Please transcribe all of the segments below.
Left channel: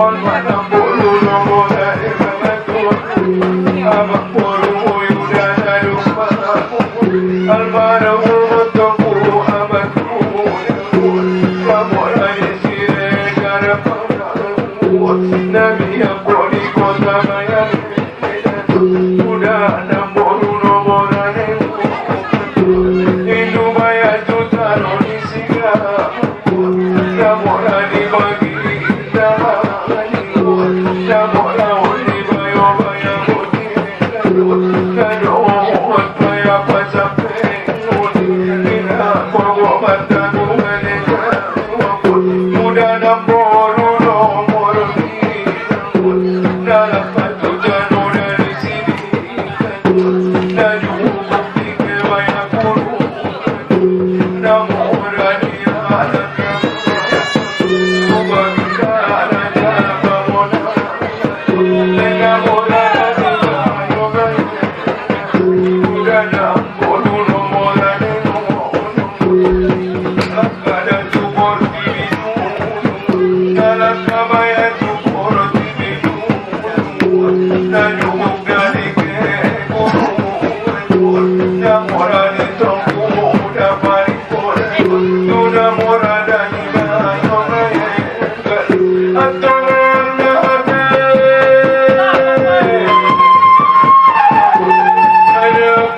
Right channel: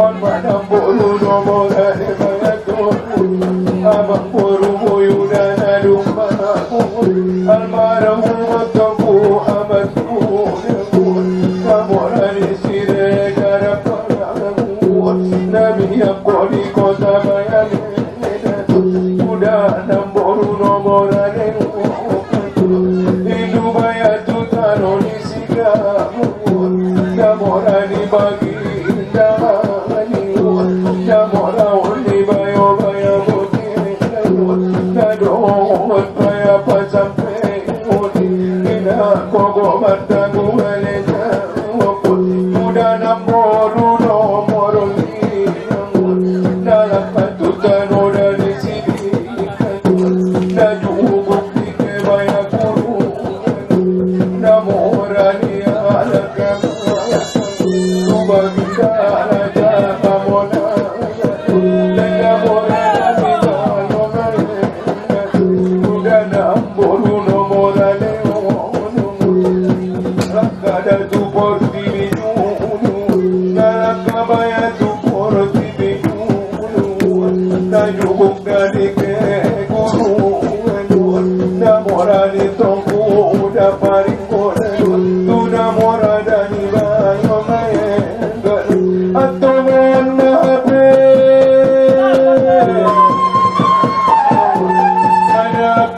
On my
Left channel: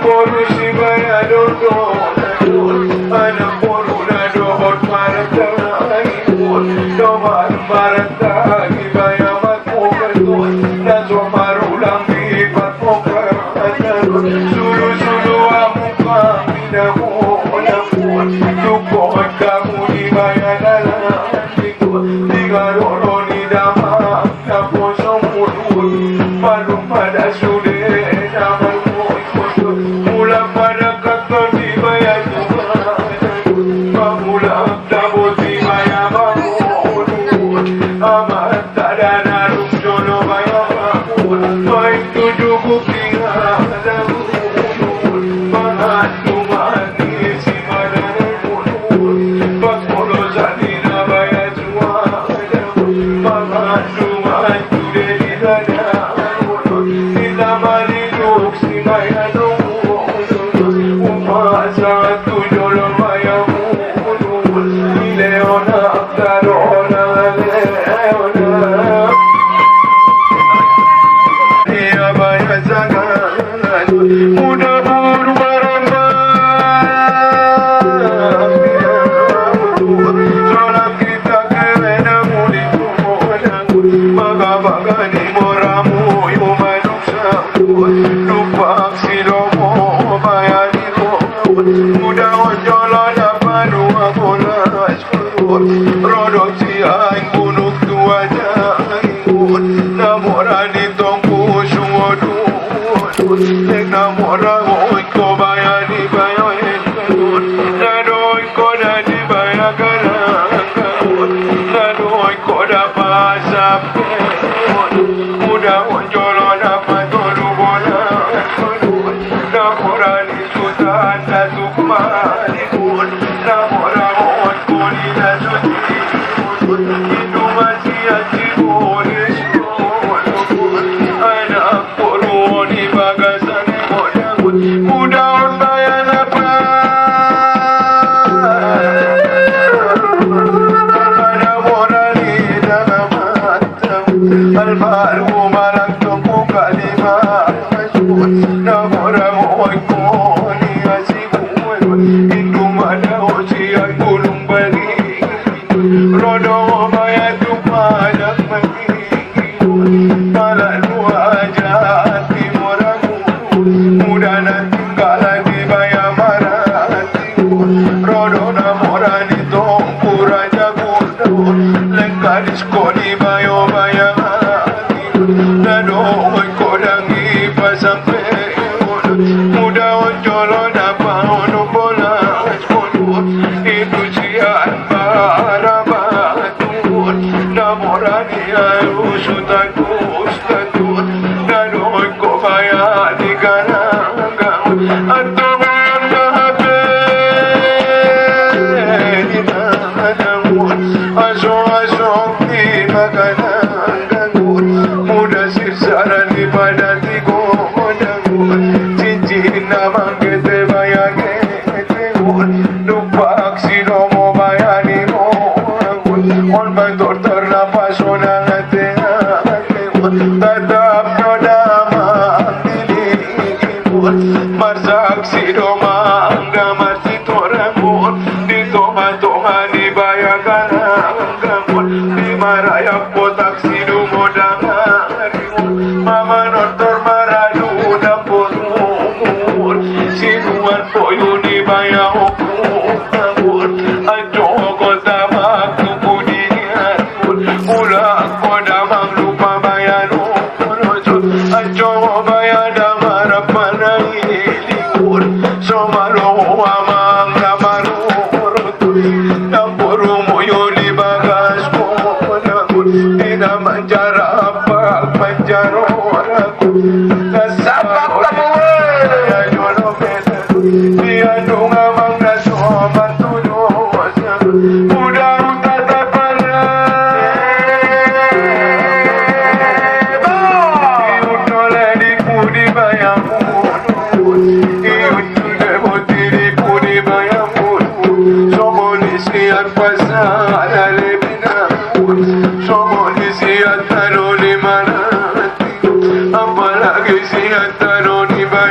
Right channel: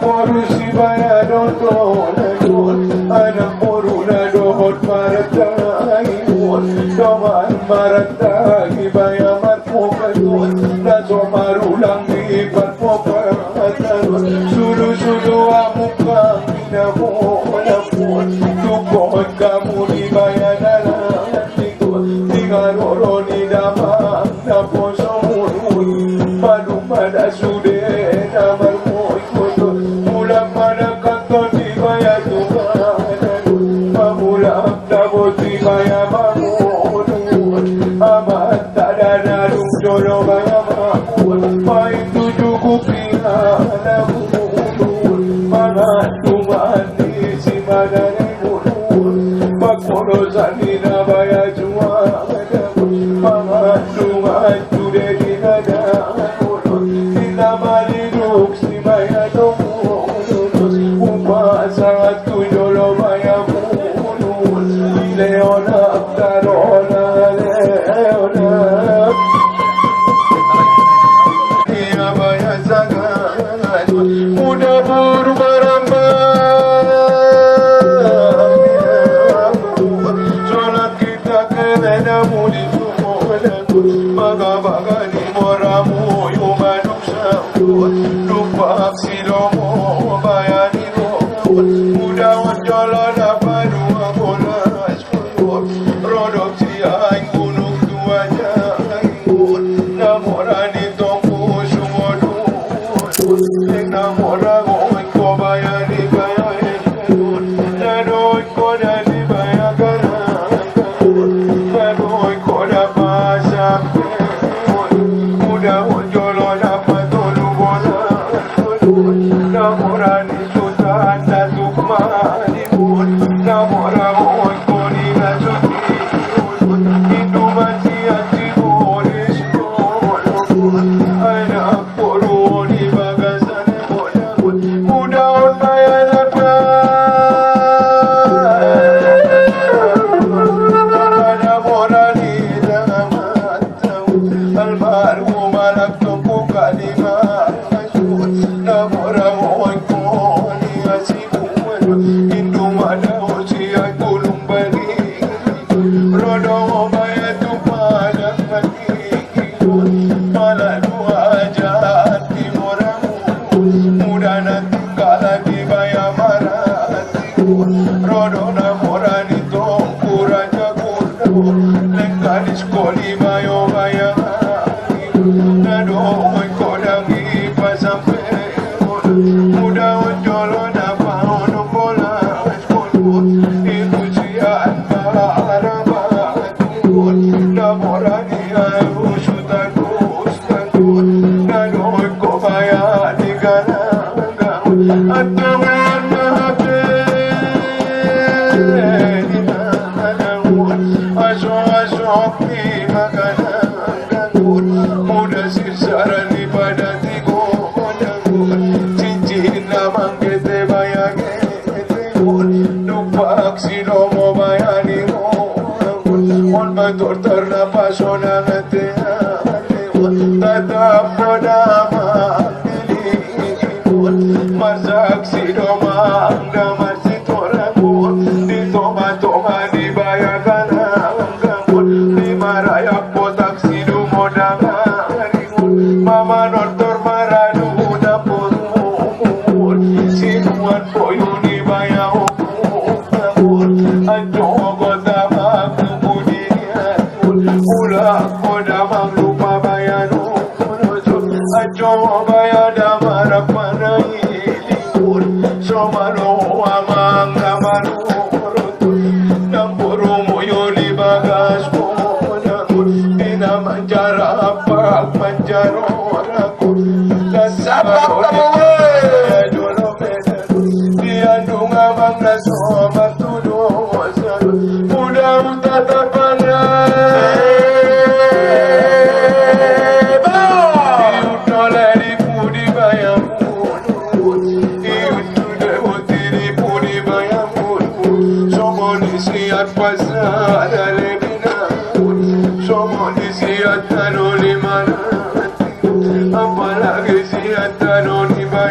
poro si baya doon, anak poro na doon maratahon, doon maratahon baya matpukan, naso marulang ipat mo kanan, sulu-sulu ako kami na mo, tukod ka mo di baya na lingkod, di ka roro ni damang na puso mo doon, palumada sulit naman mo ikot, mula pa nakakot di baya tumanan, mamulak tapos di baya mangunod, amat tada na nung jolo baya makun, may tujugo kinalaman, mga tumani si mananunod, pagpulo sa linabaya jumadan, mga tumat tude di nananunod, itamalidok si baya nunod, umasa at tunyolo baya munod, ileona tarona leona, iya baya sagan, muda buru baramba, solam kita kelena mudi baga-baga ni moramu yumanuksamu, lupa silomu bayani muda wanjolo napanu akolas produksi ang bunuk tuaja namorani tongku suodu namorani ko bayani bayan nadoy ko na di bayagan nadoy ko na pasak muda wanjolo napatolu bola namorani sudan na sukmani namorani ko ni na suti itu masih acibolis anak poroni bagasan muda saya ada morali dalam albaru malak tumpu kalima namora oiko ni asiku indu mana osian gulung bali rodo maya tumpalang magi malalu aja hati moramu muda na tinggalan di baya marati rodo na morani tumpu raja kuno lengkaris koni bayo baya nado kodangi pasampe muda onjolo na paono bola itu sian barabatun namorani ayu sutakus nado ko baya di kananggang antungan mahape aso-aso di makananggang muda sirsaran di padati kodang cincin namang kete baya kete lupak silomo bayani mo on bantor ternapas onang ate tatap no namang dilingin masak silomang gamar si torangun di toma-toma di baya kananggang di marayak botak silumodang mama notor maradu na porun sinuan poyo ni baya hukun ajo ko tamak tupunian mula ko damang lupa bayan ajo baya damar panangilin somalo amang namarurut napuro mo yun ibagas mo di naman jarap pagpanjaro kasama ko kaya yolo mesa di anong amang nasoman tulo muda utatapala iyut noledik mo di bayamun iyut tudebotirik mo di bayamun somolisi at pasalalebina somolisi at taloliman ang palagi siya talo ni ba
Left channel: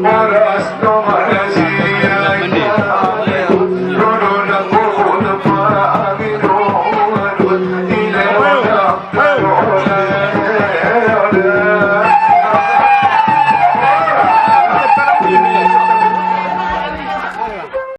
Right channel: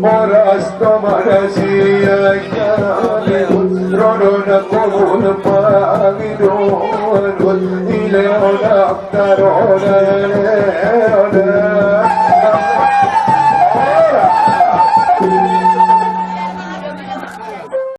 Ora sto mare si